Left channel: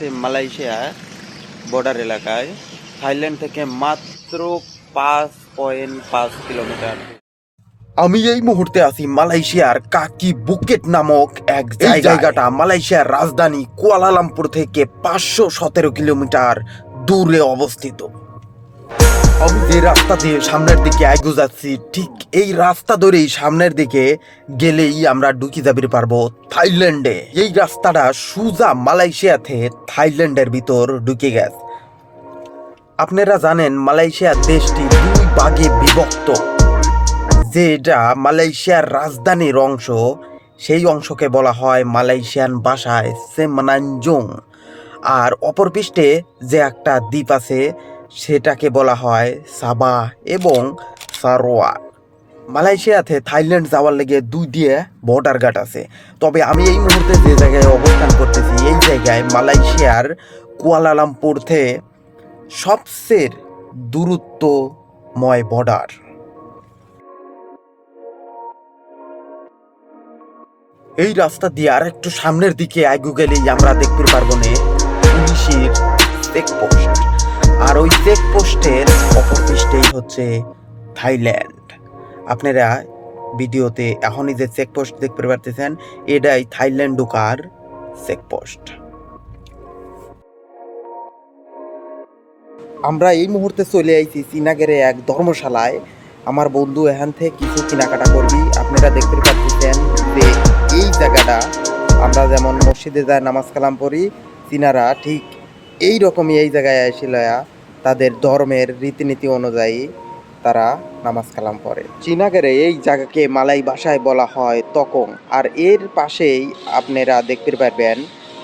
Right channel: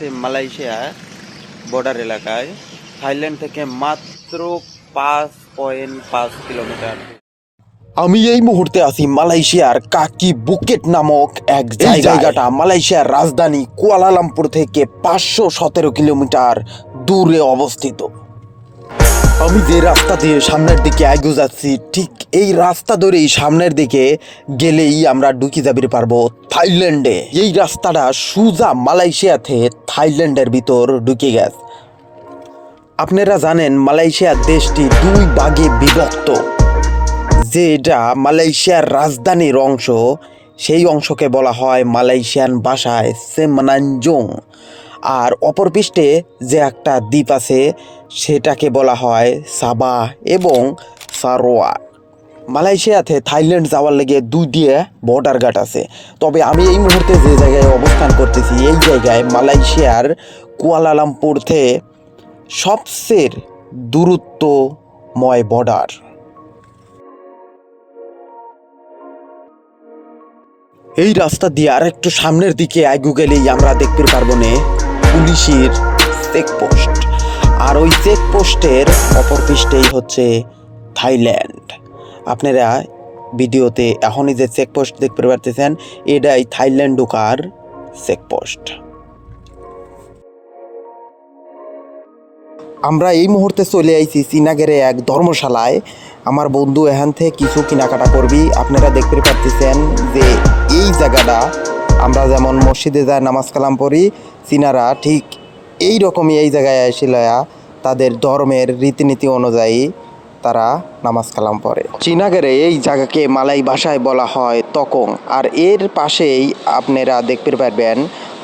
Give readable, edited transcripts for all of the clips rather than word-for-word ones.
আছি Malaysia border এলাকায়, Thailand থেকে মাত্র 5.5 কিলোমিটার। আমি এই মুহূর্তে আছি মালয়েশিয়ার কাকি বুকেট নামক এক জায়গাটা মালয়েশিয়ার রাজধানী কুয়ালালামপুর থেকে 517 কিলোমিটার দূরে অবস্থিত। আমি যে রাস্তা দিয়ে সামনের দিকে এগিয়ে যাচ্ছি, ঠিক এই রাস্তা ধরেই সামনের দিকে গেলেই আমরা ঢুকে যাবে পারবো থাইল্যান্ডে। এই রাস্তাটা সোজা মালয়েশিয়াতে থাইল্যান্ডের ভিতর ঢুকে গেছে। আপনারা জানেন মালয়েশিয়া দেশটি দুই ভাগে বিভক্ত। যেটা মালয়েশিয়ার রাজধানীর অংশ, সেই অংশকে বলা হয় মালয়েশিয়ান ভাষায় সেমানানজং, আর অপর পৃষ্ঠে যে একটা দ্বীপ আছে সেটাকে বলা হয় সাবাহ এবং সারোয়াক। মালয়েশিয়াতে থাইল্যান্ড যাওয়ার লেগে দুই দিয়ে বর্ডার ঘাট আছে। তবে আমি এই মুহূর্তে যে জায়গায় অবস্থান করতেছি, এই জায়গায় মালয়েশিয়ার কুয়ালালামপুর থেকে সবচেয়ে দূরত্বময় বর্ডার। এই রাস্তা দিয়ে আর একটু সামনের দিকে এগিয়ে গেলেই আমরা দেখতে পারবো না পুলিশের চেকপোস্ট, আর ওই চেকপোস্টের অপর পৃষ্ঠেই হচ্ছে থাইল্যান্ড। আপনারা ভিডিওতে এখনই যে চেকপোস্ট দেখতে পারতেছেন, এটাই থাইল্যান্ড ঢোকার চেকপোস্ট। আমরা এই মুহূর্তে চলে আইছি শ্রীনগরে এক ধর্মশালায়। আমার বন্ধু এখান থেকে কিছু কেনাকাটা করবি। আপনারা দেখতে পাচ্ছেন যে এই জায়গাটা আমরা যেমন মসজিদে যায় নামাজ কালাম পড়ি, চীনারা ঠিক এই রকমই এই জায়গায় আসিলয়া তাদের ধর্মের রীতিনীতি অনুযায়ী তারা নামাজ কালাম পড়ে। শ্রীনগরে এই জায়গাকে মালাই ভাষায় বলা হয় তকং, আর এর পাশেই আপনারা দেখতে পারবেন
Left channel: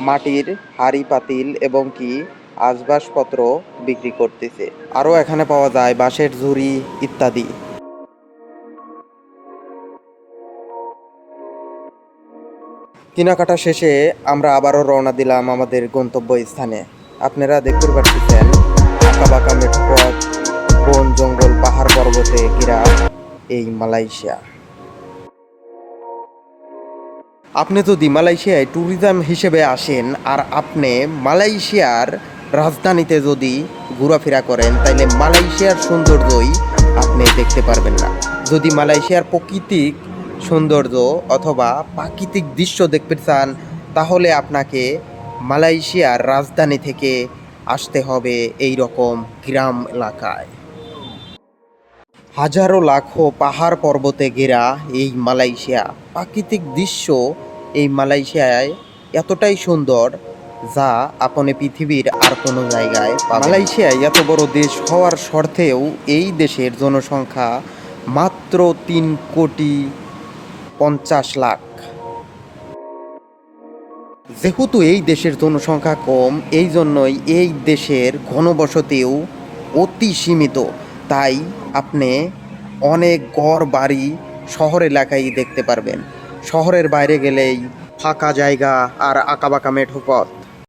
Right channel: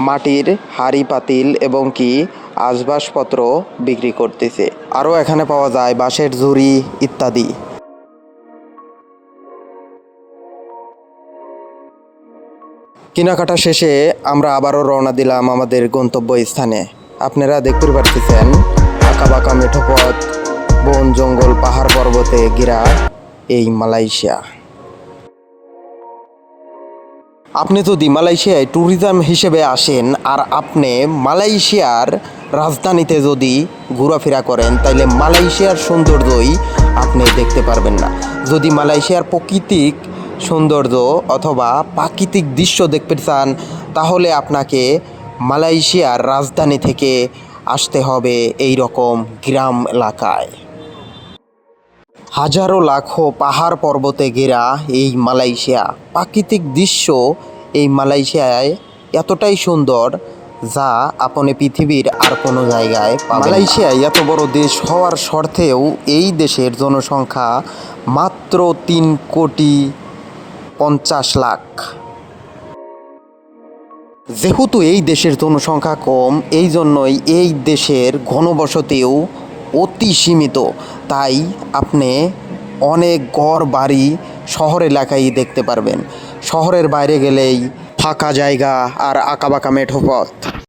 মাটির হাঁড়ি পাতিল এবং কি আসবাবপত্র বিক্রি করতেছে। আরও এখানে পাওয়া যায় বাঁশের ঝুড়ি ইত্যাদি। কেনাকাটা শেষে আমরা আবারও রওনা দিলাম আমাদের গন্তব্য স্থানে। আপনারা দেখতে পাচ্ছেন আঁকাবাঁকা মেঠো পথ, বন জঙ্গল পাহাড় পর্বতে ঘেরা এই মালয়েশিয়া। আপনি যদি মালয়েশিয়ায় ট্যুরিজম হিসেবে আসেন আর আপনি মালয়েশিয়ার রাজধানীতে যদি ঘোরাফেরা করেন, তাইলে মালয়েশিয়ার সৌন্দর্যই আপনি দেখতে পারবেন না। যদি মালয়েশিয়ার প্রাকৃতিক সৌন্দর্য অথবা প্রাকৃতিক দৃশ্য দেখতে চান, তাহলে আপনাকে মালয়েশিয়ার রাজধানী থেকে আসতে হবে এই রকম গ্রাম এলাকায়। হাজারো লাখো পাহাড় পর্বতে ঘেরা এই মালয়েশিয়া, প্রাকৃতিক দৃশ্য এই মালয়েশিয়ায় এতটাই সুন্দর যা আপনি পৃথিবীর আর কোনো জায়গায় পাবেন না। মালয়েশিয়ায় এত বড় দেশ হওয়ার সত্ত্বেও এই দেশের জনসংখ্যা মাত্র 3,50,00,000। যেহেতু এই দেশের জনসংখ্যা কম, এই জন্যই এই দেশের ঘনবসতিও অতি সীমিত। তাই আপনি অনেক ঘর বাড়ি শহর এলাকায় দেখতে পারবেন। শহরের বাইরে গেলেই ফাঁকা জায়গা আর আঁকাবাঁকা মেঠো পথ।